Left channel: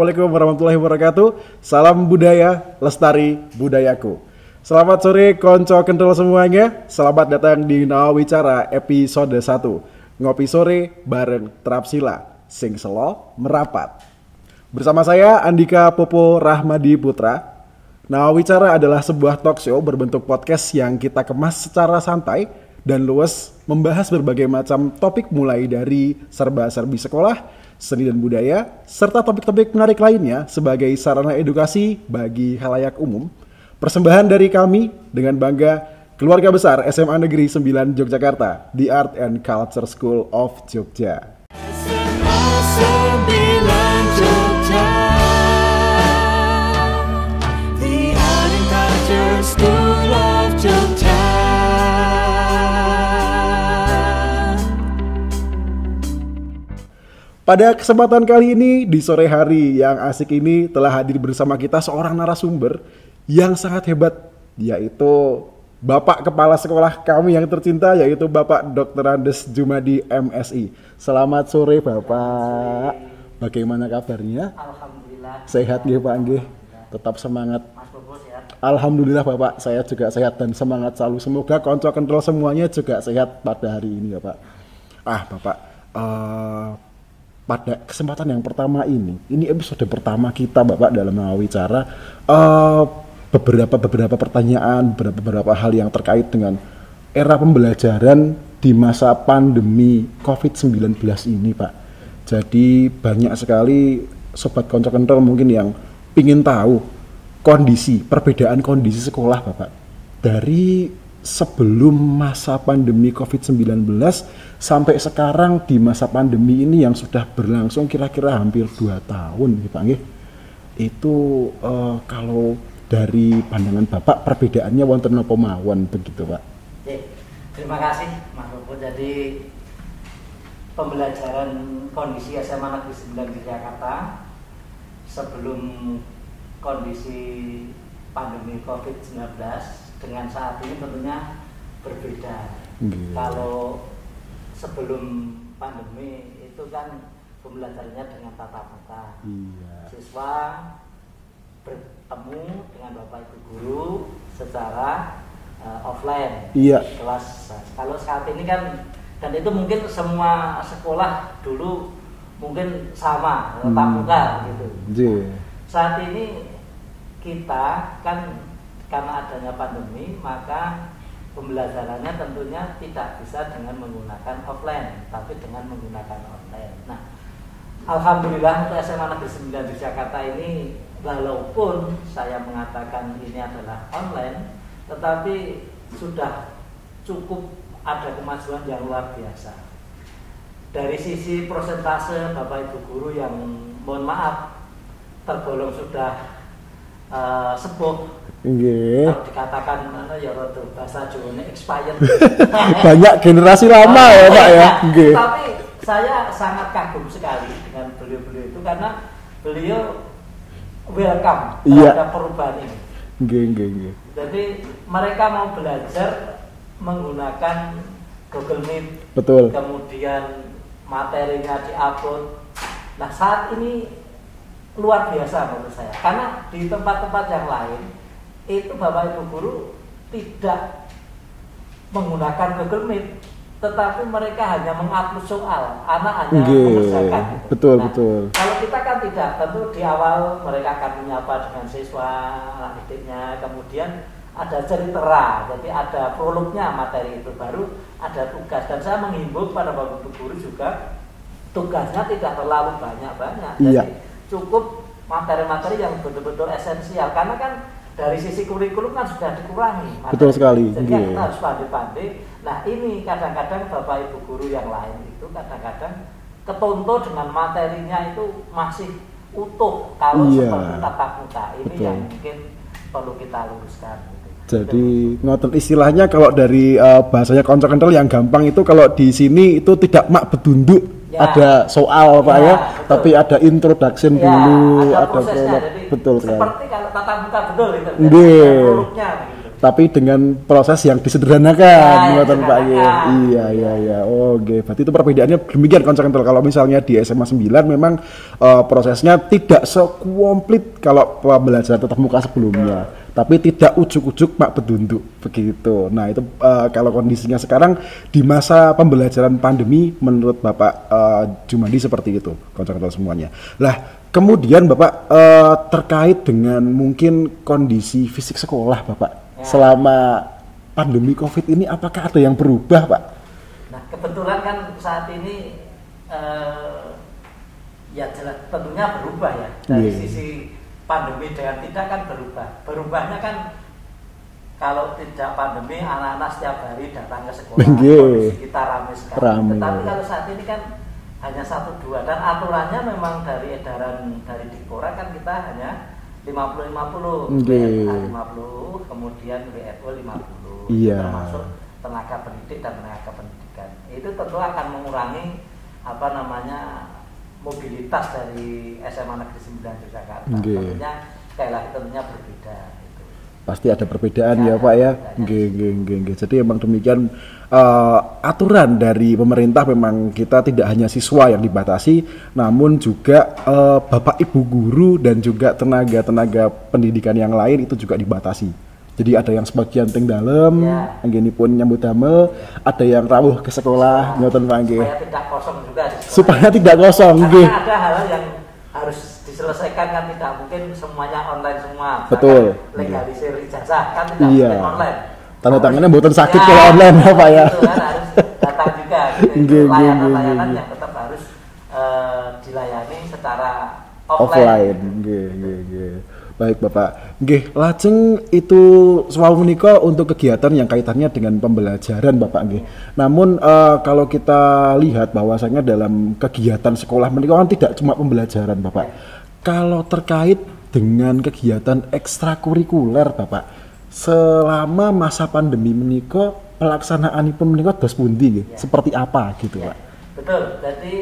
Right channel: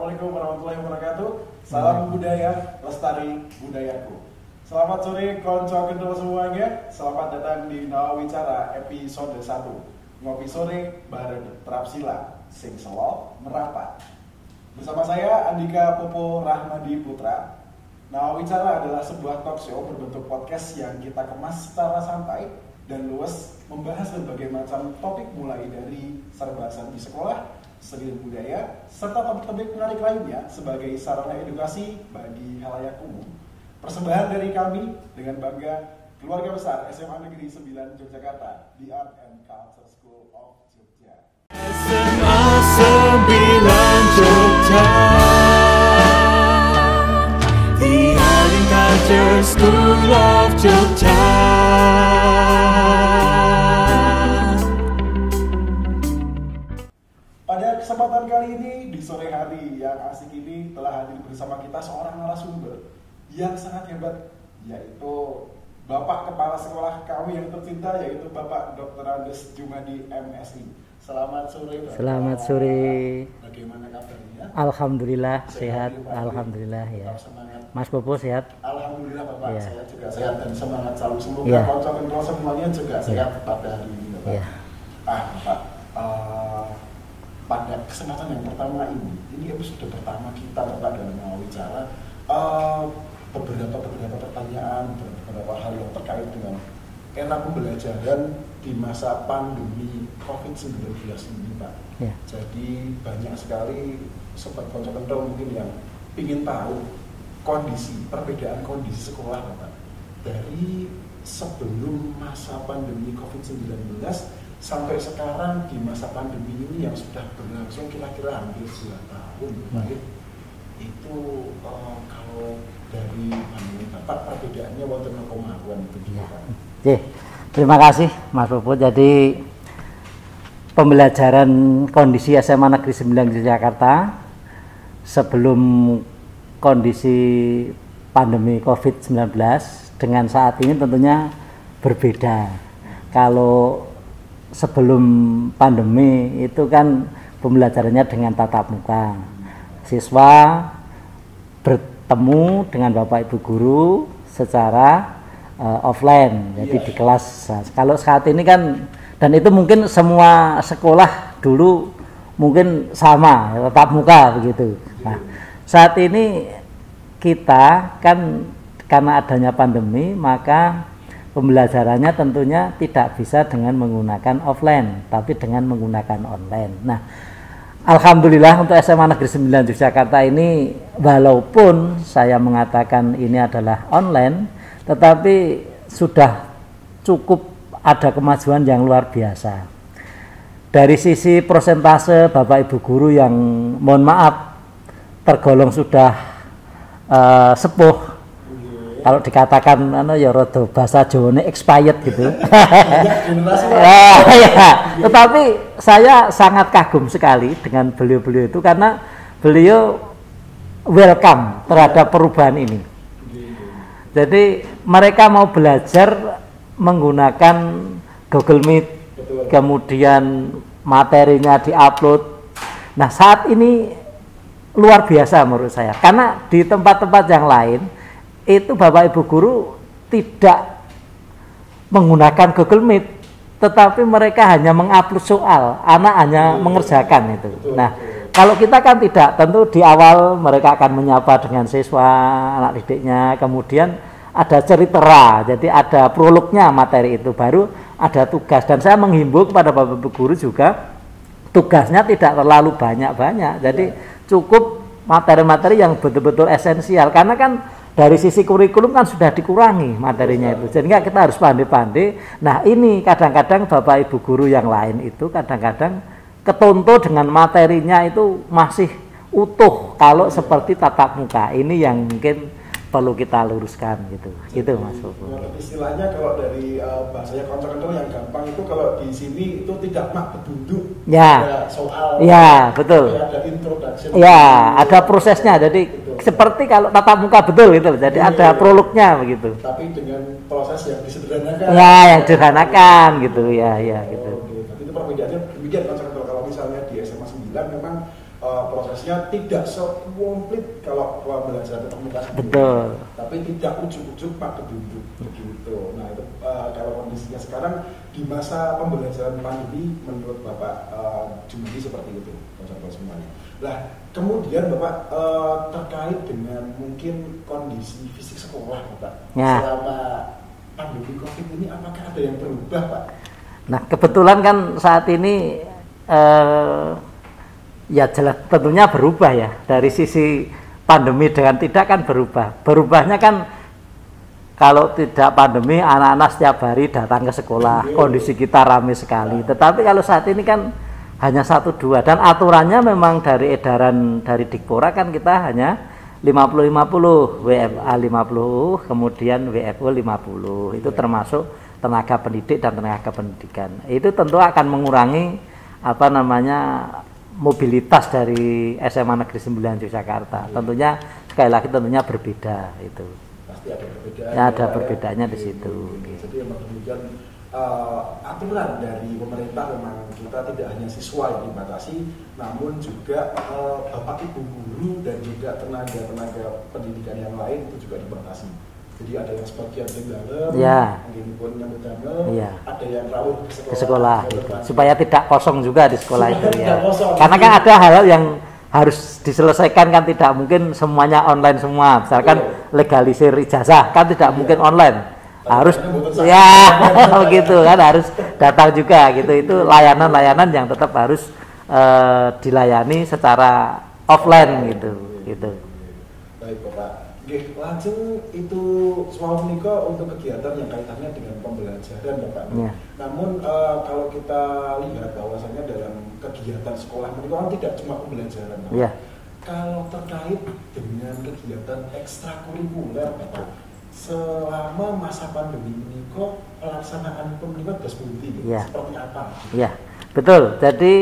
Assalamualaikum warahmatullahi wabarakatuh. Salam budaya, lestari budayaku. Selamat sore konco kental semuanya. Selamat datang di Nawawicara episode 1. Ngopi sore bareng Trapsila, sing selo merapat. Bersama saya Andika Popo Rahmadi Putra. Nawawicara adalah sebuah talk show berbentuk podcast yang kita kemas secara santai dan luas, membahas berbagai macam topik mulai dari serba-serbi sekolah, seni dan budaya, serta topik-topik menarik lainnya sebagai sarana edukasi bagi khalayak umum. Persembahan dari kami dengan bangga keluarga besar SMA Negeri 9 Yogyakarta, The Art and Culture School of Jogja. SMA 9 Jogja, The Art and Culture School of Jogja. Pada kesempatan kali ini, di sore hari yang asik ini telah hadir bersama kita seorang narasumber yang sangat hebat, yaitu Bapak Kepala Sekolah kami yang tercinta, yaitu Bapak Dr. Andes Jumadi MSI. Selamat sore Bapak. Selamat sore. Bagaimana kabarnya? Alhamdulillah. Sehat ya Pak Anggi? Alhamdulillah. Tetap ya. semangat. Mas Bobo sehat? Alhamdulillah Bapak, Ya. saya juga sehat dan semangat selalu. Semoga konco kontrol semuanya juga sehat pada hari ini Bapak. Ya. Bapak, pada kesempatan yang pertama ini episode pertama kita Bapak dalam Nawawicara, beberapa pertanyaan, beberapa hal yang terkait dengan era pembelajaran di masa pandemi COVID-19 ini Pak. Ya. Jadi banyak sekali sobat konco kontrol mungkin yang ingin tahu perbedaan kondisi sekolah Bapak dari sebelum masa pandemi COVID-19 sampai sekarang di masa pandemi ini yang sudah berlangsung kira-kira hampir 2 tahun ya Pak. Itu kalau dari pandangan Bapak perbedaannya wonten napa mawon begitu Pak. Oke. Terima kasih Mas Bobo. Jadi pembelajaran kondisi SMA Negeri 9 Jakarta sebelum kondisi pandemi COVID-19 dengan saat ini tentunya berbeda. Kalau sebelum pandemi itu kan pembelajarannya dengan tatap muka. Siswa bertemu dengan Bapak Ibu guru secara offline di kelas. Nah, kalau saat ini kan, dan itu mungkin semua sekolah dulu mungkin sama tatap muka begitu. Nah, saat ini kita kan karena adanya pandemi maka pembelajarannya tentunya tidak bisa dengan menggunakan offline, tapi dengan menggunakan online. Nah, alhamdulillah untuk SMA Negeri 9 Yogyakarta ini, walaupun saya mengatakan ini adalah online, tetapi sudah cukup ada kemajuan yang luar biasa. Dari sisi persentase Bapak Ibu guru yang mohon maaf tergolong sudah sepuh. Kalau dikatakan ya rada bahasa Jawane expired gitu. Banyak generasi lama ya. Tetapi saya sangat kagum sekali dengan beliau-beliau itu karena beliau welcome terhadap perubahan ini. Jadi mereka mau belajar menggunakan Google Meet. Betul. Kemudian materinya diupload. Nah, saat ini luar biasa menurut saya. Karena di tempat-tempat yang lain itu Bapak Ibu guru tidak menggunakan Google Meet, tetapi mereka hanya mengupload soal, anak hanya mengerjakan itu. Betul, nah, betul. kalau kita kan tidak, tentu di awal mereka akan menyapa dengan siswa, anak didiknya, kemudian ada cerita, jadi ada prolognya materi itu, baru ada tugas. Dan saya menghimbau kepada Bapak Ibu guru juga, tugasnya tidak terlalu banyak-banyak, jadi cukup materi-materi yang betul-betul esensial, karena kan dari sisi kurikulum kan sudah dikurangi materinya, sehingga kita harus pandai-pandai. Nah, ini kadang-kadang Bapak Ibu guru yang lain itu kadang-kadang ketonto dengan materinya itu masih utuh kalau seperti tatap muka. Ini yang mungkin perlu kita luruskan gitu. Jadi Gitu, Mas. ngoten istilahnya kalau dari bahasanya konco kental yang gampang itu kalau di sini itu tidak mak bedunduk, Ya. ada soal Ya, Pak, ya, betul. tapi ada introduction Ya, dulu, ada prosesnya. prolog. Jadi betul, Pak. seperti kalau tatap muka betul gitu. Jadi Iya. ada prolognya begitu. Tapi dengan proses yang disederhanakan. Ya, yang ngoten, Pak, disederhanakan ya. gitu, Iya, ya, iya. ya, Oh, oke. Berarti itu perbedaannya demikian konco kental. Kalau misalnya di SMA 9 memang prosesnya tidak sekomplit kalau pembelajaran tatap muka sebelumnya. Betul. Tapi tidak ujuk-ujuk mak bedunduk begitu. Nah itu kalau kondisinya sekarang di masa pembelajaran pandemi menurut Bapak Jumadi seperti itu, konco-konco semuanya. Lah kemudian Bapak terkait dengan mungkin kondisi fisik sekolah Bapak Ya. selama pandemi COVID ini apakah ada yang berubah Pak? Nah, kebetulan kan saat ini ya jelas tentunya berubah ya. Dari sisi pandemi dengan tidak kan berubah. Berubahnya kan kalau tidak pandemi anak-anak setiap hari datang ke sekolah, Iya. kondisi kita ramai sekali. Ramai. Tetapi kalau saat ini kan hanya 1-2 dan aturannya memang dari edaran dari Dikpora kan kita hanya 50-50, WFA 50, kemudian WFO 50. Itu Iya. termasuk tenaga pendidik dan tenaga pendidikan. Itu tentu akan mengurangi mobilitas dari SMA Negeri 9 Yogyakarta. Nggih. Tentunya sekali lagi tentunya berbeda itu. Pasti ada perbedaan Ya, ya, ada Pak ya. perbedaannya di Nggih, situ. nggih, nggih, nggih. Jadi emang demikian aturan dari pemerintah memang kita tidak hanya siswa yang dibatasi, namun juga bapak ibu guru dan juga tenaga-tenaga pendidikan yang lain itu juga dibatasi. Jadi ada yang sebagian ting dalam, Ya. pun nyambut damel, Ya. ada yang rawuh ke sekolah, ngoten Pak, nggih. supaya tidak kosong juga di sekolah. Supaya ini, tidak kosong, Karena nggih. kan ada hal-hal yang harus diselesaikan kan tidak mungkin semuanya online semua. Misalkan Betul. legalisir ijazah kan tidak Iya. mungkin online. Tanda Harus- tangannya mboten sakit ya, kalau online, Pak, ya. gitu kan harus datang juga gitu. Itu Nggih, layanan-layanan yang tetap harus dilayani secara offline gitu. Nggih, gitu. nggih, nggih. Baik Bapak. Nggih, lajeng itu sewau menika untuk kegiatan yang kaitannya dengan pembelajaran Bapak nggih. Iya. Namun kalau kita lihat bahwasanya dalam kegiatan sekolah menika kan tidak cuma pembelajaran Bapak. Iya. Kalau terkait dengan kegiatan ekstrakurikuler Bapak, selama masa pandemi menika pelaksanaanipun menika dos pundi nggih? Iya. Seperti apa gitu Ya, Pak? betul. Jadi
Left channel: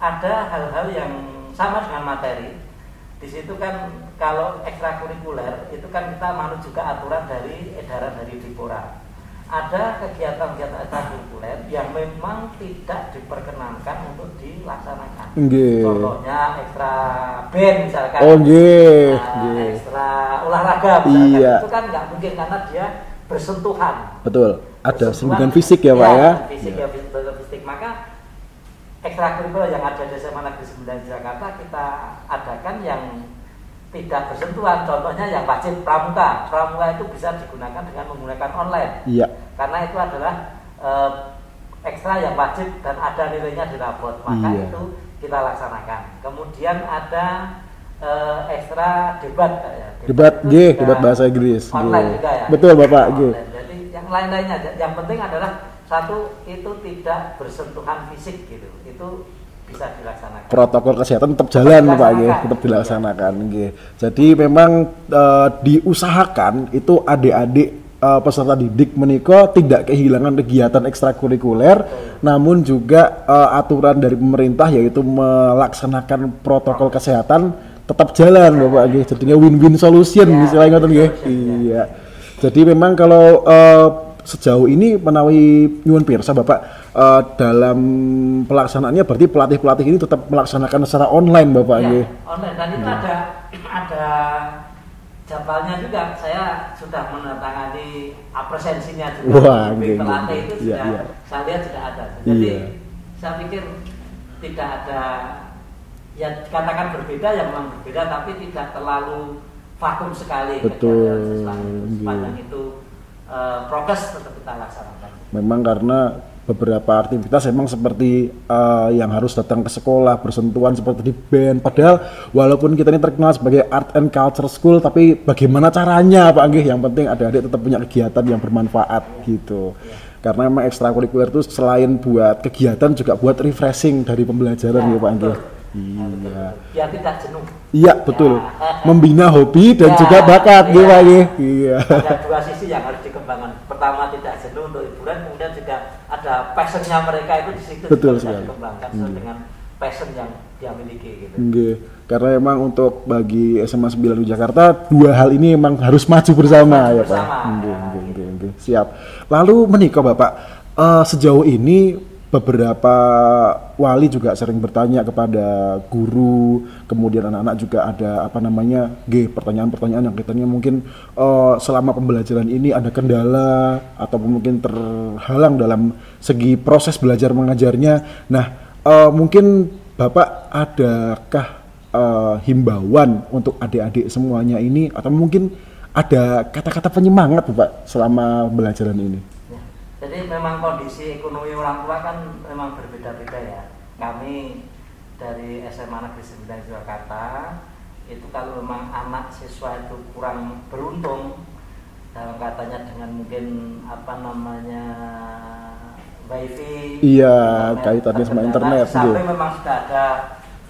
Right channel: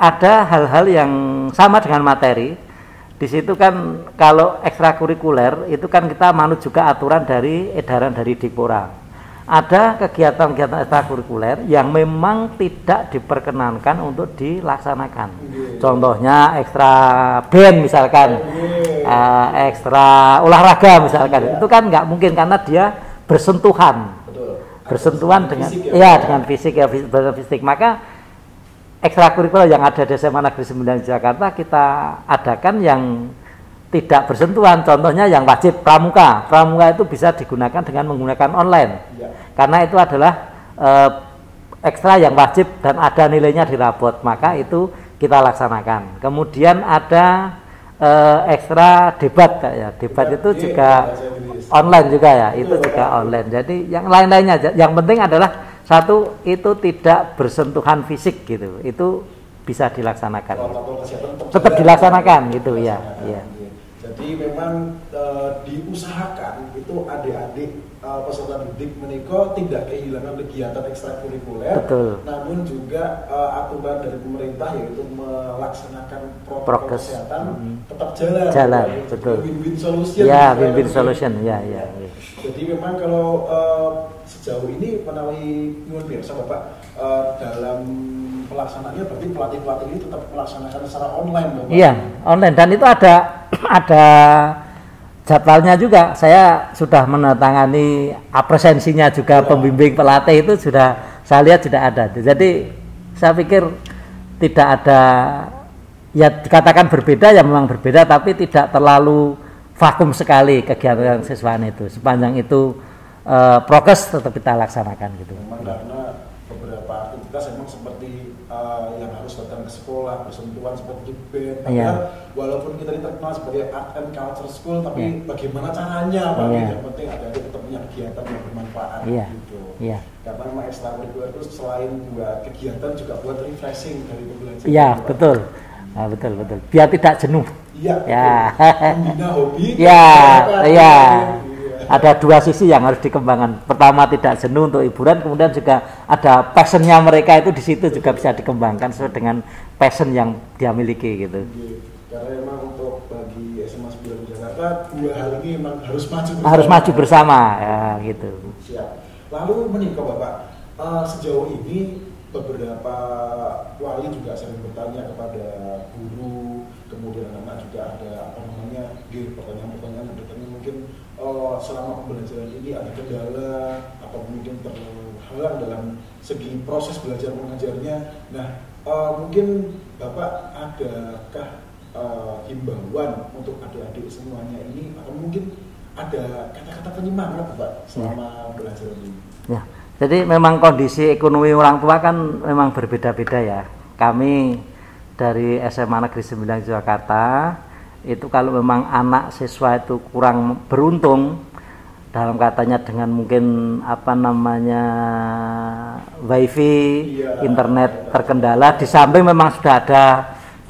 ada hal-hal yang sama dengan materi. Di situ kan kalau ekstrakurikuler itu kan kita manut juga aturan dari edaran dari Dikpora. Ada kegiatan-kegiatan ekstrakurikuler yang memang tidak diperkenankan untuk dilaksanakan. Nggih. Contohnya ekstra band misalkan, Oh nggih. ekstra olahraga misalkan. Iya. Itu kan nggak mungkin karena dia bersentuhan. Betul. Ada Bersentuhan dengan fisik ya Pak iya, ya. dengan fisik ya, fisik. Maka ekstrakurikuler yang ada di SMA Negeri 9 Jakarta kita adakan yang tidak bersentuhan. Contohnya yang wajib pramuka. Pramuka itu bisa digunakan dengan menggunakan online. Iya. Karena itu adalah ekstra yang wajib dan ada nilainya di rapot. Maka Iya. itu kita laksanakan. Kemudian ada ekstra debat Kak, ya. Debat, itu nggih, juga debat bahasa Inggris. online juga ya. Betul, itu juga Bapak, nggih. online. Jadi yang lain-lainnya aja. Yang penting adalah satu itu tidak bersentuhan fisik gitu. Itu bisa dilaksanakan. Protokol kesehatan tetap Tetap jalan Pak, dilaksanakan, nggih. Tetap gitu, ya. dilaksanakan Iya. nggih. Jadi memang diusahakan itu adik-adik peserta didik menika tidak kehilangan kegiatan ekstrakurikuler, Betul. namun juga aturan dari pemerintah yaitu melaksanakan protokol Prokes. kesehatan tetap jalan, Jalan, Bapak nggih. Jadinya betul. win-win solution Ya, istilahnya win-win ngoten nggih. solution, ya, Iya. ya. Jadi memang kalau sejauh ini menawi nyuwun pirsa Bapak dalam pelaksanaannya berarti pelatih-pelatih ini tetap melaksanakan secara online Bapak Iya, nggih. online dan itu ada jadwalnya juga. Saya sudah menandatangani absensinya juga, Wah, pembimbing iya, pelatih itu iya, sudah iya. saya lihat sudah ada. Jadi Iya. saya pikir tidak ada, ya dikatakan berbeda ya memang berbeda, tapi tidak terlalu vakum sekali kegiatan siswaan itu. Sepanjang itu prokes tetap kita laksanakan gitu. Memang karena beberapa aktivitas emang seperti yang harus datang ke sekolah, bersentuhan seperti di band. Padahal walaupun kita ini terkenal sebagai art and culture school, tapi bagaimana caranya Pak nggih? Yang penting adik-adik tetap punya kegiatan yang bermanfaat Iya. gitu. Iya. Karena memang ekstrakurikuler itu selain buat kegiatan juga buat refreshing dari pembelajaran Ya, ya Pak. betul. Nah, betul. Biar tidak jenuh. Iya, betul. Ya. Membina hobi dan Ya, juga bakat. iya. Iya. Ada dua sisi yang harus dikembangkan. Pertama tidak jenuh untuk hiburan, kemudian juga ada passionnya mereka itu di situ juga bisa dikembangkan sesuai dengan passion yang dia miliki gitu. Nggih. Karena emang untuk bagi SMA 9 Jakarta dua hal ini emang harus maju bersama. Harus maju ya, bersama Pak? ya Nggih, gitu. nggih. Siap. Lalu menikah Bapak, sejauh ini beberapa wali juga sering bertanya kepada guru, kemudian anak-anak juga ada pertanyaan-pertanyaan yang katanya mungkin selama pembelajaran ini ada kendala ataupun mungkin terhalang dalam segi proses belajar mengajarnya. Nah, mungkin Bapak adakah himbauan untuk adik-adik semuanya ini atau mungkin ada kata-kata penyemangat Bapak selama pembelajaran ini? Ya, jadi memang kondisi ekonomi orang tua kan memang berbeda-beda ya. Kami dari SMA Negeri 9 Jakarta itu kalau memang anak siswa itu kurang beruntung dalam katanya dengan mungkin wifi, internet terkendala, di samping memang sudah ada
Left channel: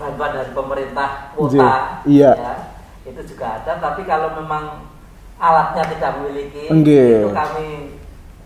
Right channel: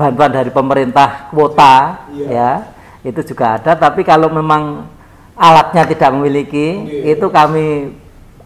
bantuan dari pemerintah kuota, ya itu juga ada. Tapi kalau memang alatnya tidak memiliki, itu kami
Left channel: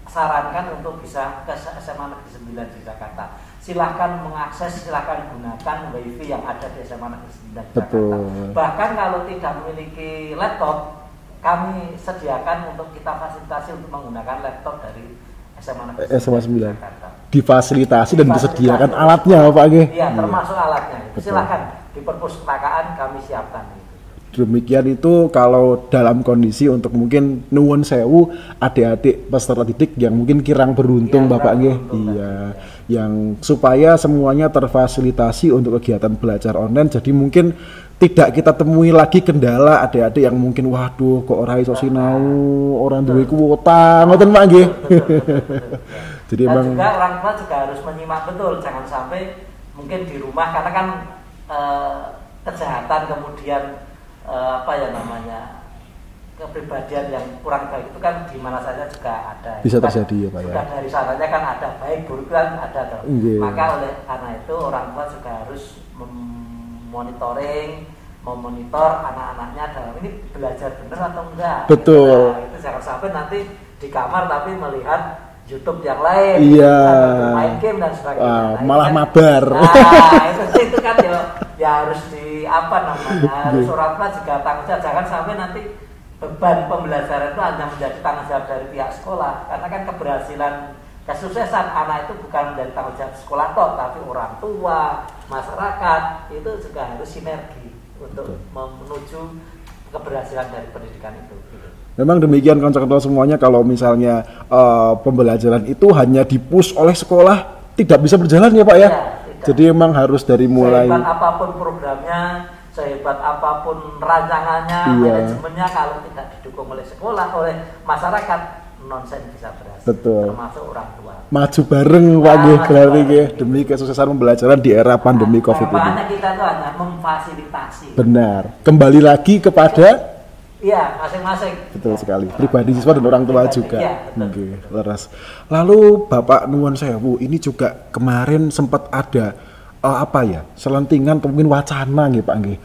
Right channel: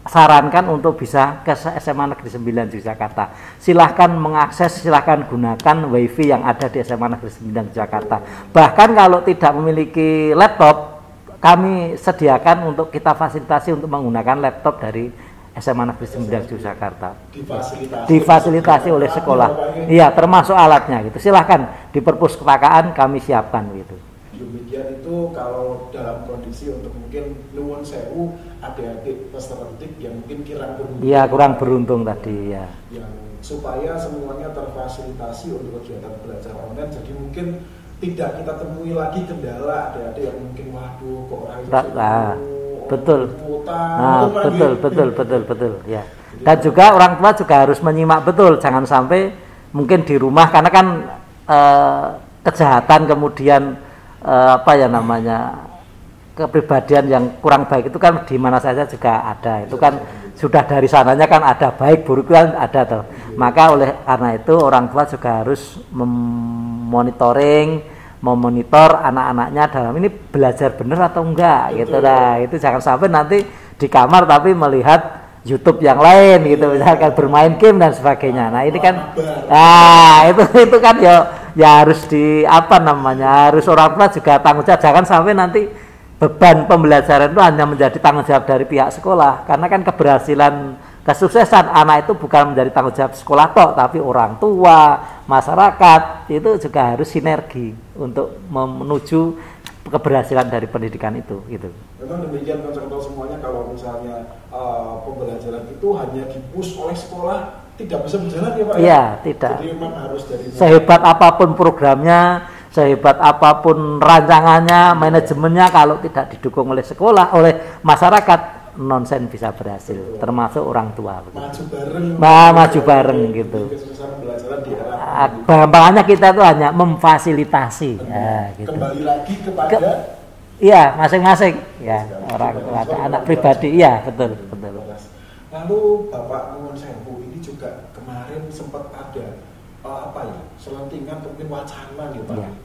sarankan untuk bisa ke SMA Negeri 9 Jakarta. Silahkan mengakses, silahkan gunakan wifi yang ada di SMA Negeri 9 Jakarta. Bahkan kalau tidak memiliki laptop, kami sediakan untuk kita fasilitasi untuk menggunakan laptop dari SMA Negeri 9 Jakarta. Difasilitasi dan disediakan alatnya Pak? Iya, termasuk alatnya gitu. Silahkan di perpustakaan kami siapkan gitu. Demikian itu kalau dalam kondisi untuk mungkin nuwun sewu adik-adik peserta didik yang mungkin kurang beruntung Bapak, yang supaya semuanya terfasilitasi untuk kegiatan belajar online. Jadi mungkin tidak kita temui lagi kendala adik-adik yang mungkin waduh kok ora iso sinau, orang duwe kuota, ngoten Pak nggih. Betul. Ya. Jadi dan juga orang tua juga harus menyimak betul, jangan sampai mungkin di rumah karena kan kejahatan kemudian kepribadian yang kurang baik itu kan di mana saja juga ada. Itu kan sudah dari sananya kan ada baik buruk kan ada tuh. Maka oleh karena itu orang tua juga harus memonitor anak-anaknya dalam ini belajar benar atau enggak. Gitu lah. Itu jangan sampai nanti di kamar tapi melihat YouTube yang lain gitu, misalkan bermain game dan sebagainya. Nah, ini kan mabar. Nah, itu kan ya harus harus orang tua juga tanggung jawab, jangan sampai nanti beban pembelajaran itu hanya menjadi tanggung jawab dari pihak sekolah. Karena kan keberhasilan kesuksesan anak itu bukan menjadi tanggung jawab sekolah toh, tapi orang tua, masyarakat itu juga harus sinergi untuk menuju keberhasilan dari pendidikan itu gitu. Memang demikian konco-konco semuanya, kalau misalnya pembelajaran itu hanya dipush oleh sekolah tidak bisa berjalan ya Pak ya? Iya, tidak. Jadi memang harus dari mulai sehebat apapun programnya, sehebat apapun rancangannya, manajemennya, kalau tidak didukung oleh sekolah, oleh masyarakat, nonsen bisa berhasil. Termasuk orang tua. Maju bareng, maju bareng gitu. Demi kesuksesan pembelajaran di era pandemi COVID. Makanya kita itu hanya memfasilitasi. Benar. Gitu. Kembali lagi kepada masing-masing. Betul sekali. Pribadi siswa dan orang tua juga. Iya, betul. Lalu Bapak nuwun sewu, ini juga kemarin sempat ada selentingan mungkin wacana gitu Pak nggih.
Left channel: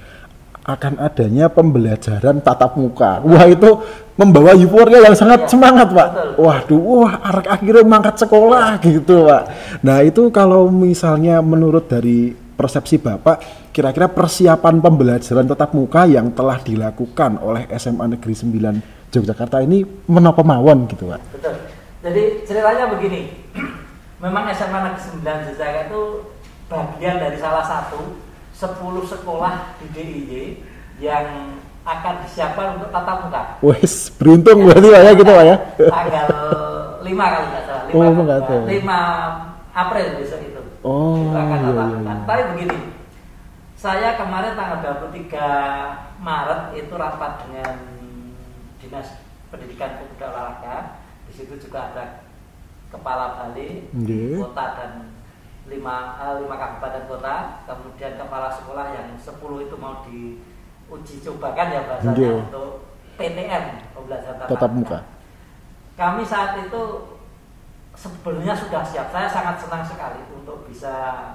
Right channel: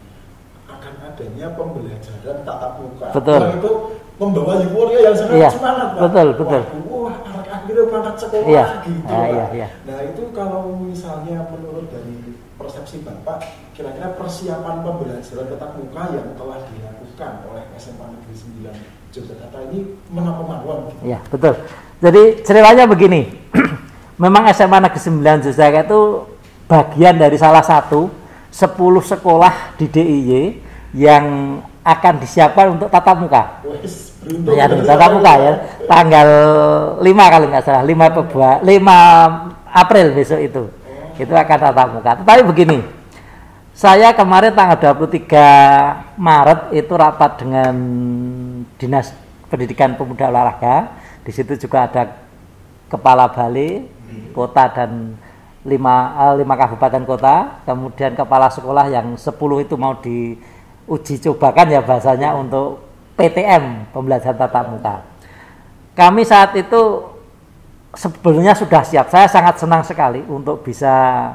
Akan adanya pembelajaran tatap muka. Wah, itu membawa euforia yang sangat semangat Pak. Waduh, akhirnya mangkat sekolah gitu Pak. Nah, itu kalau misalnya menurut dari persepsi Bapak, kira-kira persiapan pembelajaran tatap muka yang telah dilakukan oleh SMA Negeri 9 Yogyakarta ini menapa mawon gitu Pak? Betul. Jadi ceritanya begini. Memang SMA Negeri 9 Yogyakarta itu bagian dari salah satu 10 sekolah di DIY yang akan disiapkan untuk tatap muka. Wes, beruntung berarti ya. Tanggal 5 kali nggak salah, 5 April besok itu. Itu akan tatap muka. Tapi begini, saya kemarin tanggal 23 Maret itu rapat dengan Dinas Pendidikan Pemuda Olahraga. Di situ juga ada kepala balai, kota dan 5 kabupaten kota, kemudian kepala sekolah yang 10 itu mau diuji cobakan ya bahasanya untuk PTM, pembelajaran tatap muka. Kami saat itu sebetulnya sudah siap. Saya sangat senang sekali untuk bisa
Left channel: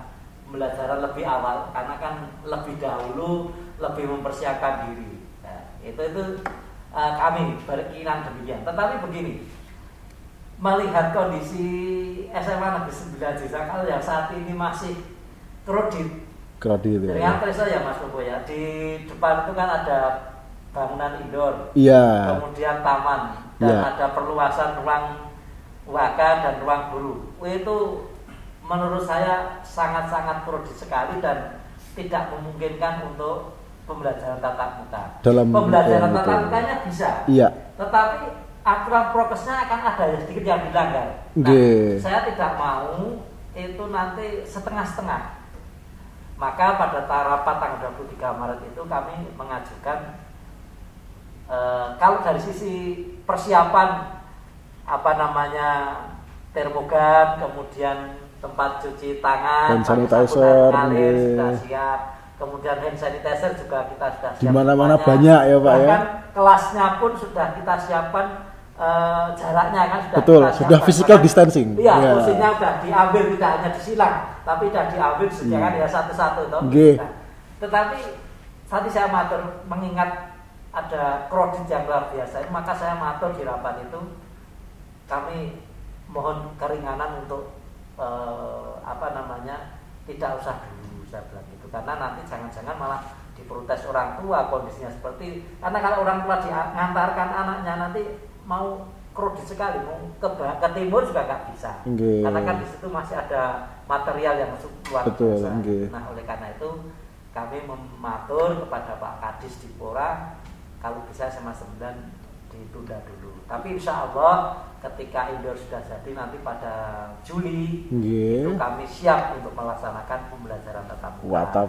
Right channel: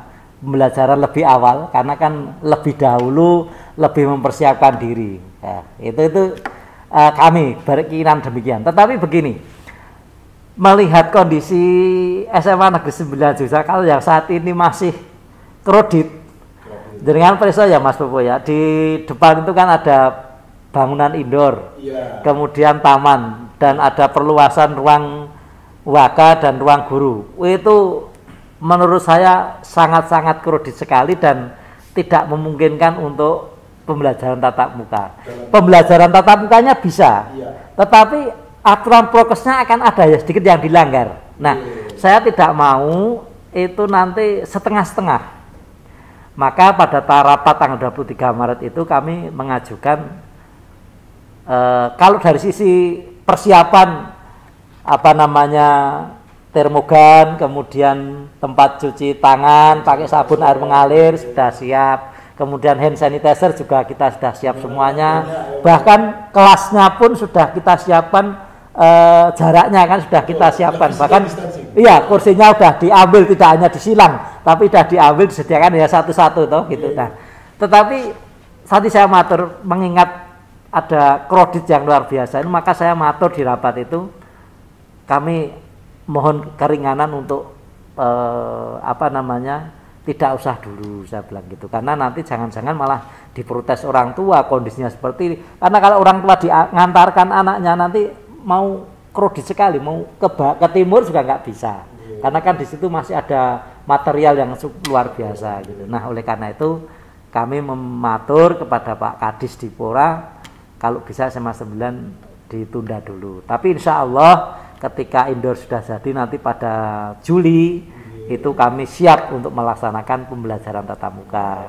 pembelajaran lebih awal karena kan lebih dahulu lebih mempersiapkan diri. Ya, itu kami berkeinginan demikian. Tetapi begini, melihat kondisi SMA Negeri 9 Yogyakarta yang saat ini masih kredit. Dengan preso ya Mas Popo ya, di depan itu kan ada bangunan indoor, kemudian taman dan ada perluasan ruang waka dan ruang guru. Itu menurut saya sangat-sangat kredit sekali dan tidak memungkinkan untuk pembelajaran tatap muka. Pembelajaran tatap mukanya bisa, tetapi aturan prokesnya akan ada ya sedikit yang dilanggar. Nah, saya tidak mau itu nanti setengah-setengah. Maka pada rapat tanggal 23 Maret itu kami mengajukan kalau dari sisi persiapan termogan, kemudian tempat cuci tangan pakai sabun air mengalir sudah siap. Kemudian hand sanitizer juga kita sudah siap semuanya. Bahkan kelasnya pun sudah kita siapkan, jaraknya kan sudah kita siapkan. Physical distancing. Iya, kursinya sudah diambil, tidak hanya disilang, tapi sudah diambil disediakan ya satu-satu gitu kan. Tetapi tadi saya matur mengingat ada kredit yang luar biasa ini, maka saya matur di rapat itu kami mohon keringanan untuk tidak usah dulu, saya bilang gitu, karena nanti jangan-jangan malah diprotes orang tua kondisinya seperti ini. Karena kalau orang tua mengantarkan anaknya nanti mau kredit sekali, mau ke timur juga nggak bisa, karena kan di situ masih ada material yang luar biasa. Nah, oleh karena itu kami mematur kepada Pak Kadis Dipora kalau bisa SMA 9 ditunda dulu. Tapi insya Allah ketika indoor sudah jadi nanti pada Juli itu kami siap untuk melaksanakan pembelajaran tatap muka.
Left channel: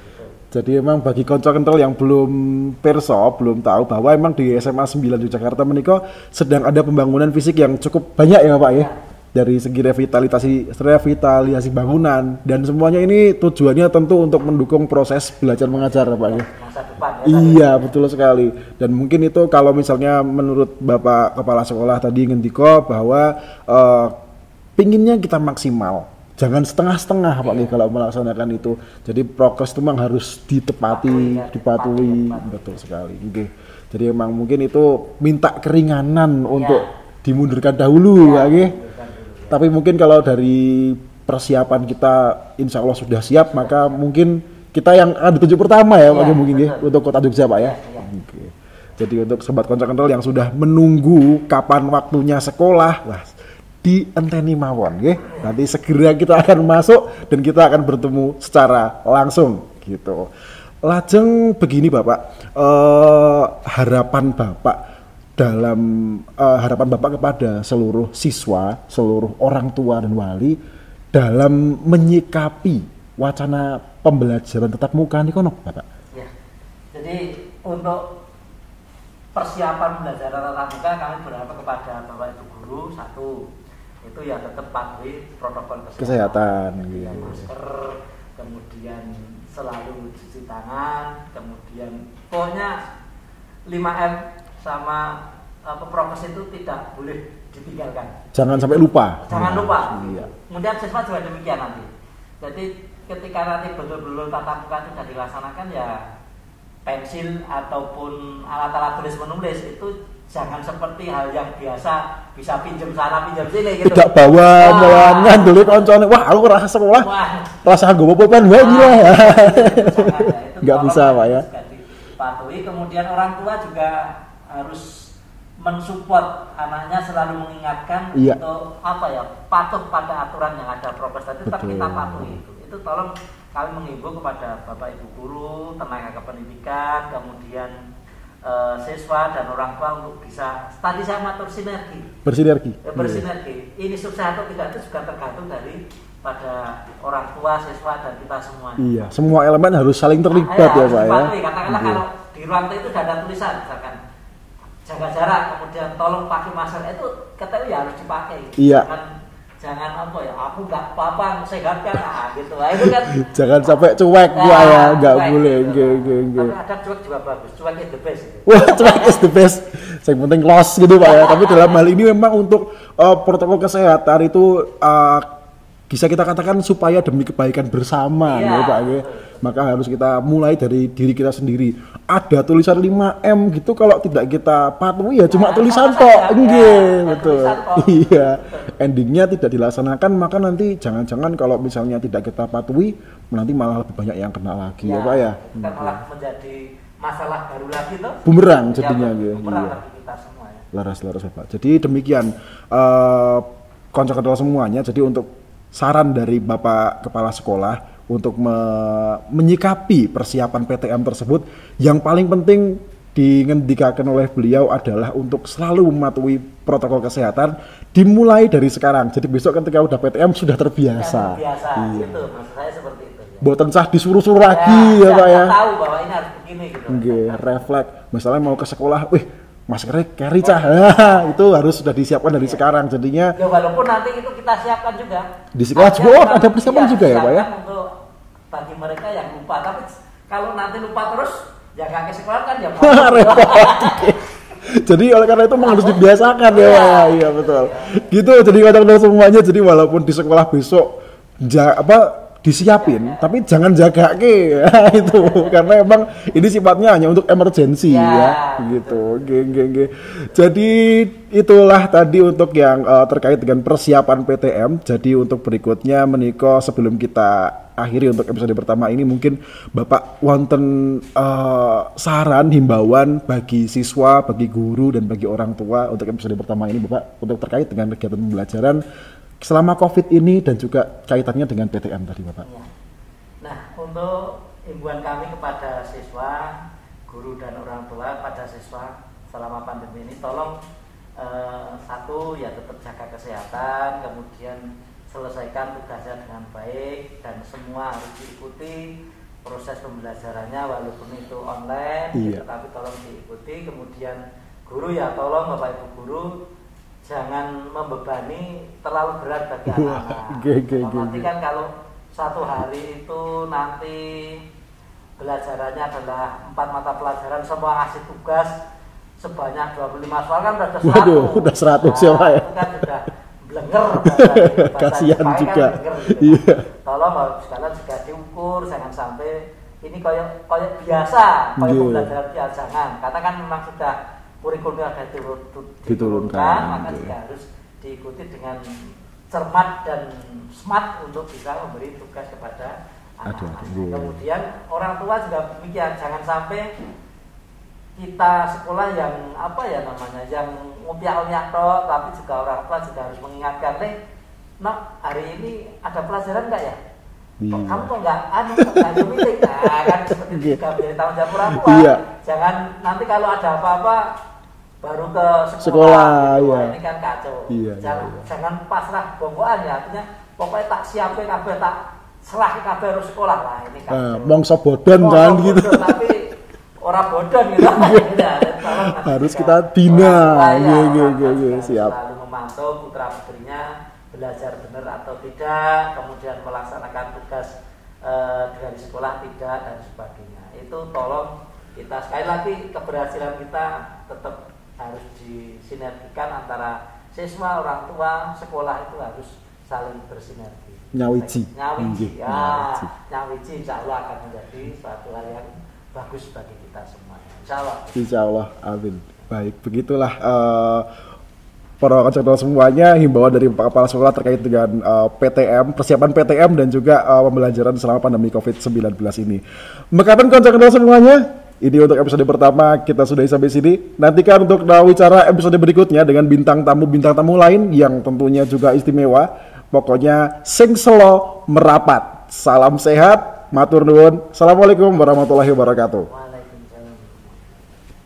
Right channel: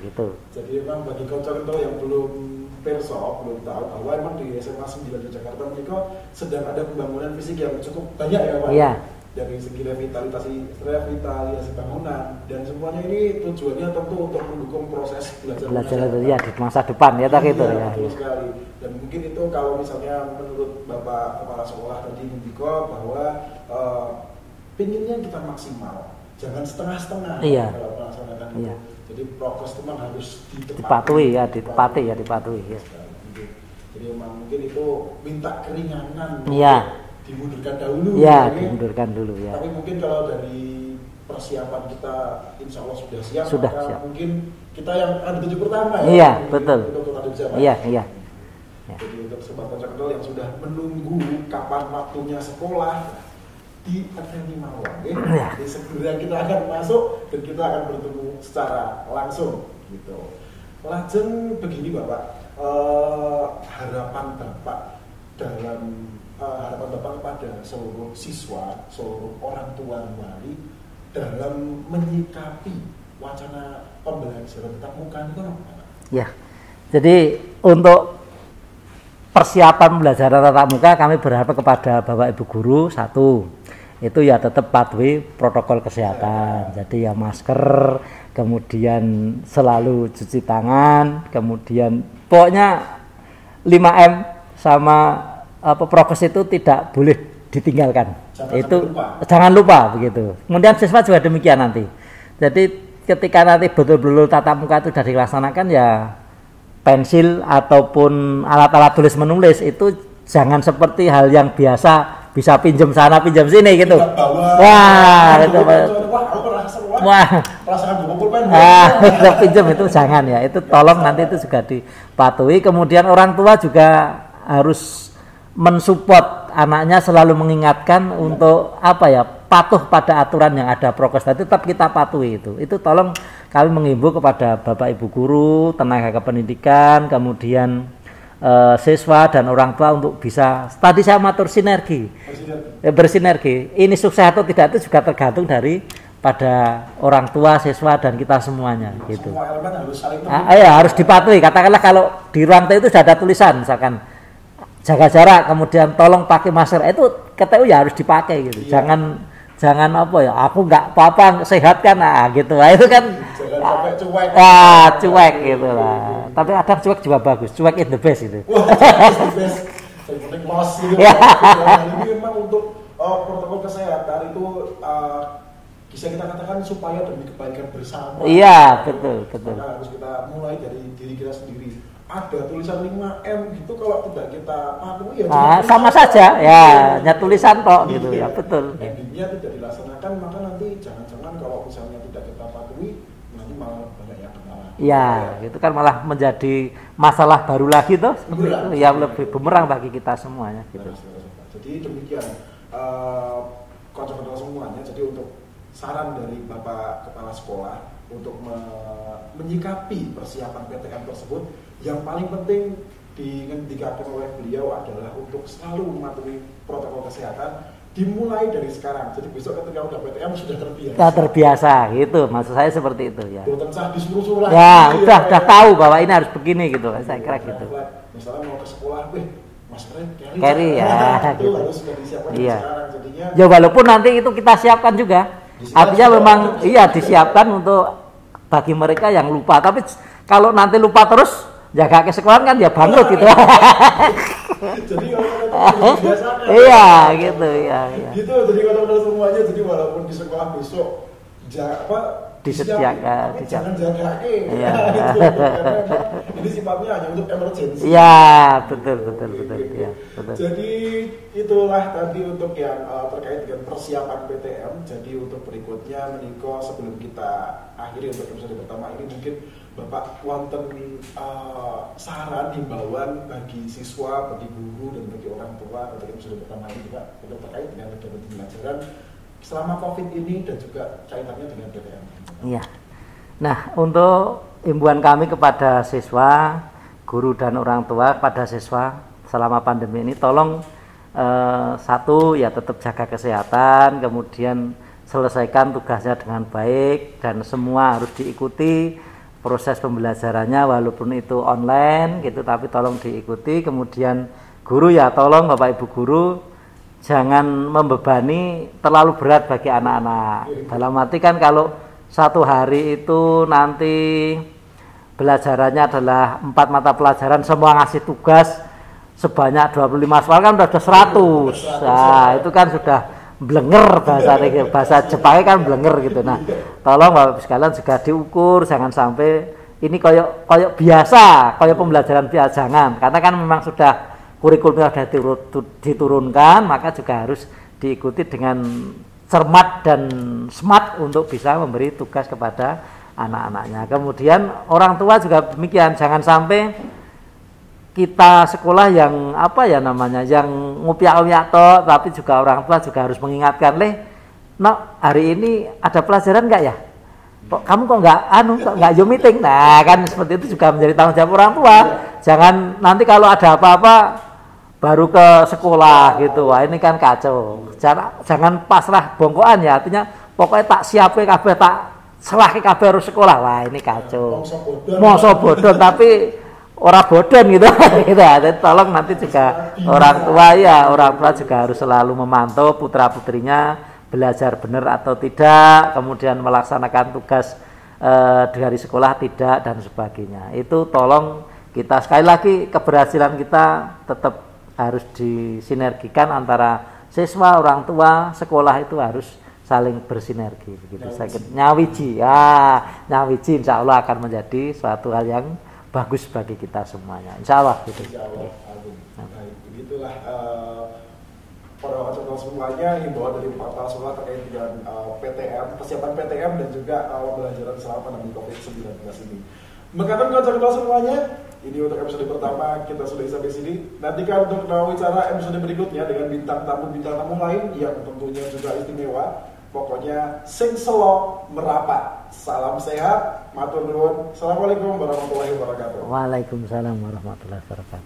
Gitu. Jadi emang bagi konco kental yang belum belum tahu bahwa emang di SMA 9 Yogyakarta menika sedang ada pembangunan fisik yang cukup banyak ya Pak ya. Dari segi revitalisasi bangunan dan semuanya ini tujuannya tentu untuk mendukung proses belajar mengajar Pak. Iya, di masa depan ya. Iya, betul sekali. Dan mungkin itu kalau misalnya menurut Bapak Kepala Sekolah tadi ngendiko bahwa pinginnya kita maksimal. Jangan setengah-setengah Pak kalau melaksanakan itu. Jadi prokes itu memang harus ditepati. Dipatuhi. Betul sekali. Jadi emang mungkin itu minta keringanan untuk dimundurkan dahulu mundurkan dulu, ya. Tapi mungkin kalau dari persiapan kita insya Allah sudah siap, maka mungkin kita yang ada 7 pertama untuk Kota Jogja Pak ya. Jadi untuk sobat konco kental yang sudah menunggu kapan waktunya sekolah, dienteni mawon nanti segera kita akan masuk dan kita akan bertemu secara langsung gitu. Lajeng begini Bapak, harapan Bapak kepada seluruh siswa, seluruh orang tua dan wali dalam menyikapi wacana pembelajaran tatap muka ini kono Bapak. Ya. Jadi untuk persiapan pembelajaran tatap muka kami berharap kepada Bapak Ibu guru itu ya tetap patuhi protokol kesehatan. Jadi ya masker, kemudian selalu cuci tangan, kemudian pokoknya 5M sama prokes itu tidak boleh ditinggalkan. Sampai lupa. Jangan lupa begitu. Kemudian siswa juga demikian nanti. Jadi ketika nanti betul-betul tatap muka itu sudah dilaksanakan ya pensil ataupun alat-alat tulis menulis itu jangan seperti hal yang biasa bisa pinjam sana pinjam sini gitu. Tidak bawa dulu kancane. Wah, aku rasa sekolah. Rasa nggo pulpen pinjam itu jangan ya. Itu tolong nanti itu juga dipatuhi. Kemudian orang tua juga harus mensupport anaknya, selalu mengingatkan untuk patuh pada aturan yang ada prokes tadi, tetap kita patuhi itu. Itu tolong kami mengimbau kepada Bapak Ibu guru, tenaga kependidikan, kemudian siswa dan orang tua untuk bisa tadi saya matur bersinergi. Ini sukses atau tidak itu juga tergantung dari pada orang tua, siswa dan kita semuanya. Gitu. Semua elemen harus saling terlibat. Harus dipatuhi. Katakanlah kalau di ruang itu sudah ada tulisan misalkan jaga jarak, kemudian tolong pakai masker, itu KTU ya harus dipakai gitu. Jangan aku nggak apa-apa, sehat kan, gitu. Itu kan jangan sampai cuek. Cuek gitu. Tapi kadang cuek juga bagus. Cuek is the best itu. Wah, cuek is the best. Yang penting loss gitu Pak. Tapi dalam hal ini memang untuk protokol kesehatan itu bisa kita katakan supaya demi kebaikan bersama. Iya, ya, betul. Maka harus kita mulai dari diri kita sendiri. Ada tulisan 5M gitu, kalau tidak kita patuhi ya cuma tulisan sama saja. tok. Ya tulisan tok. Gitu, Iya. betul. Endingnya tidak dilaksanakan, maka nanti jangan-jangan kalau misalnya tidak kita patuhi, nanti malah lebih banyak yang kena lagi. Ya, Pak, ya. itu kan malah menjadi masalah baru lagi tuh. Bumerang Ya, jadinya, lebih ya. bumerang bagi kita semuanya. Laras Bapak. Jadi demikian konco-konco semuanya. Jadi untuk saran dari Bapak Kepala Sekolah untuk menyikapi persiapan PTM tersebut, yang paling penting dingendikakan oleh beliau adalah untuk selalu mematuhi protokol kesehatan dimulai dari sekarang. Jadi besok ketika udah PTM sudah terbiasa. Sudah terbiasa, gitu. Maksud saya seperti itu ya. Boten sah disuruh-suruh lagi Ya, Pak, udah tahu bahwa ini harus begini gitu. Saya Iya, kira gitu. refleks. Misalnya mau ke sekolah, wih maskernya carry Carry, cah. ya. Itu harus sudah disiapkan dari Iya. sekarang. Jadinya Ya walaupun nanti itu kita siapkan juga. Di sekolah Artinya juga memang ada persiapan iya juga ya, disiapkan untuk bagi mereka yang lupa. Tapi kalau nanti lupa terus jaga ke sekolah kan ya bangkrut gitu. jadi oleh karena itu memang harus dibiasakan Iya, ya. gitu, Betul. iya. Gitu jadi kadang-kadang semuanya, jadi walaupun di sekolah besok disiapin, Jaga. tapi jangan jaga ke itu karena emang ini sifatnya hanya untuk emergensi. Ya, gitu. betul, Oke, betul, oke, oke. betul. Jadi itulah tadi untuk yang terkait dengan persiapan PTM. Jadi untuk berikutnya menika sebelum kita akhiri untuk episode pertama ini, mungkin Bapak wonten saran himbauan bagi siswa, bagi guru dan bagi orang tua untuk episode pertama ini Bapak, untuk terkait dengan kegiatan pembelajaran selama COVID ini dan juga kaitannya dengan PTM tadi Bapak. Iya. Nah, untuk himbauan kami kepada siswa, guru dan orang tua pada siswa selama pandemi ini, tolong satu ya tetap jaga kesehatan, kemudian selesaikan tugasnya dengan baik dan semua harus diikuti proses pembelajarannya walaupun itu online gitu, tapi tolong diikuti. Kemudian guru ya tolong Bapak Ibu guru jangan membebani terlalu berat bagi anak-anak. Dalam arti kan kalau satu hari itu nanti belajarannya adalah 4 mata pelajaran, semua ngasih tugas sebanyak 25 soal kan udah 100. Udah 100 Nah, ya, itu kan sudah blenger bahasa Kasihan Jepangnya kan juga. blenger gitu. Nah, Iya. tolong Bapak sekalian juga diukur, jangan sampai ini kayak biasa, kayak Iya. pembelajaran biasa, jangan. Karena kan memang sudah kurikulumnya sudah diturunkan, maka juga harus diikuti dengan cermat dan smart untuk bisa memberi tugas kepada anak-anaknya. Kemudian orang tua juga demikian, jangan sampai kita sekolah yang yang ngupiak-ngupiak tok, tapi juga orang tua juga harus mengingatkan, "Nak, hari ini ada pelajaran enggak ya? Kok kamu kok enggak Zoom meeting?" Nah, kan seperti itu juga menjadi tanggung jawab orang tua. Iya. Jangan nanti kalau ada apa-apa baru ke sekolah gitu. Wah, iya. ini kan kacau. Iya, Jangan pasrah bongkoan ya, artinya pokoknya tak siapin kabeh, tak serahke kabeh harus sekolah. Wah, ini kacau. Mongso bodon Mongso kan, bodoh tapi ora bodon gitu. Jadi tolong nanti Harus juga kita bina. orang tua ya, Iya, orang tua iya, juga iya, harus siap. selalu memantau putra-putrinya belajar benar atau tidak, kemudian melaksanakan tugas dari sekolah tidak dan sebagainya. Itu tolong kita sekali lagi keberhasilan kita tetap harus disinergikan antara siswa, orang tua, sekolah itu harus saling bersinergi. Nyawiji, nyawiji insya Allah akan menjadi suatu hal yang bagus bagi kita semuanya. Insya Allah. Insya Allah, amin. Baik, begitulah para konselor semuanya himbauan dari Pak Kepala Sekolah terkait dengan PTM, persiapan PTM dan juga pembelajaran selama pandemi COVID-19 ini. Mekaten konselor semuanya, ini untuk episode pertama kita sudah sampai sini. Nantikan untuk Nawicara episode berikutnya dengan bintang tamu lain yang tentunya juga istimewa. Pokoknya sing selo merapat. Salam sehat, matur nuwun. Assalamualaikum warahmatullahi wabarakatuh. Waalaikumsalam warahmatullahi wabarakatuh.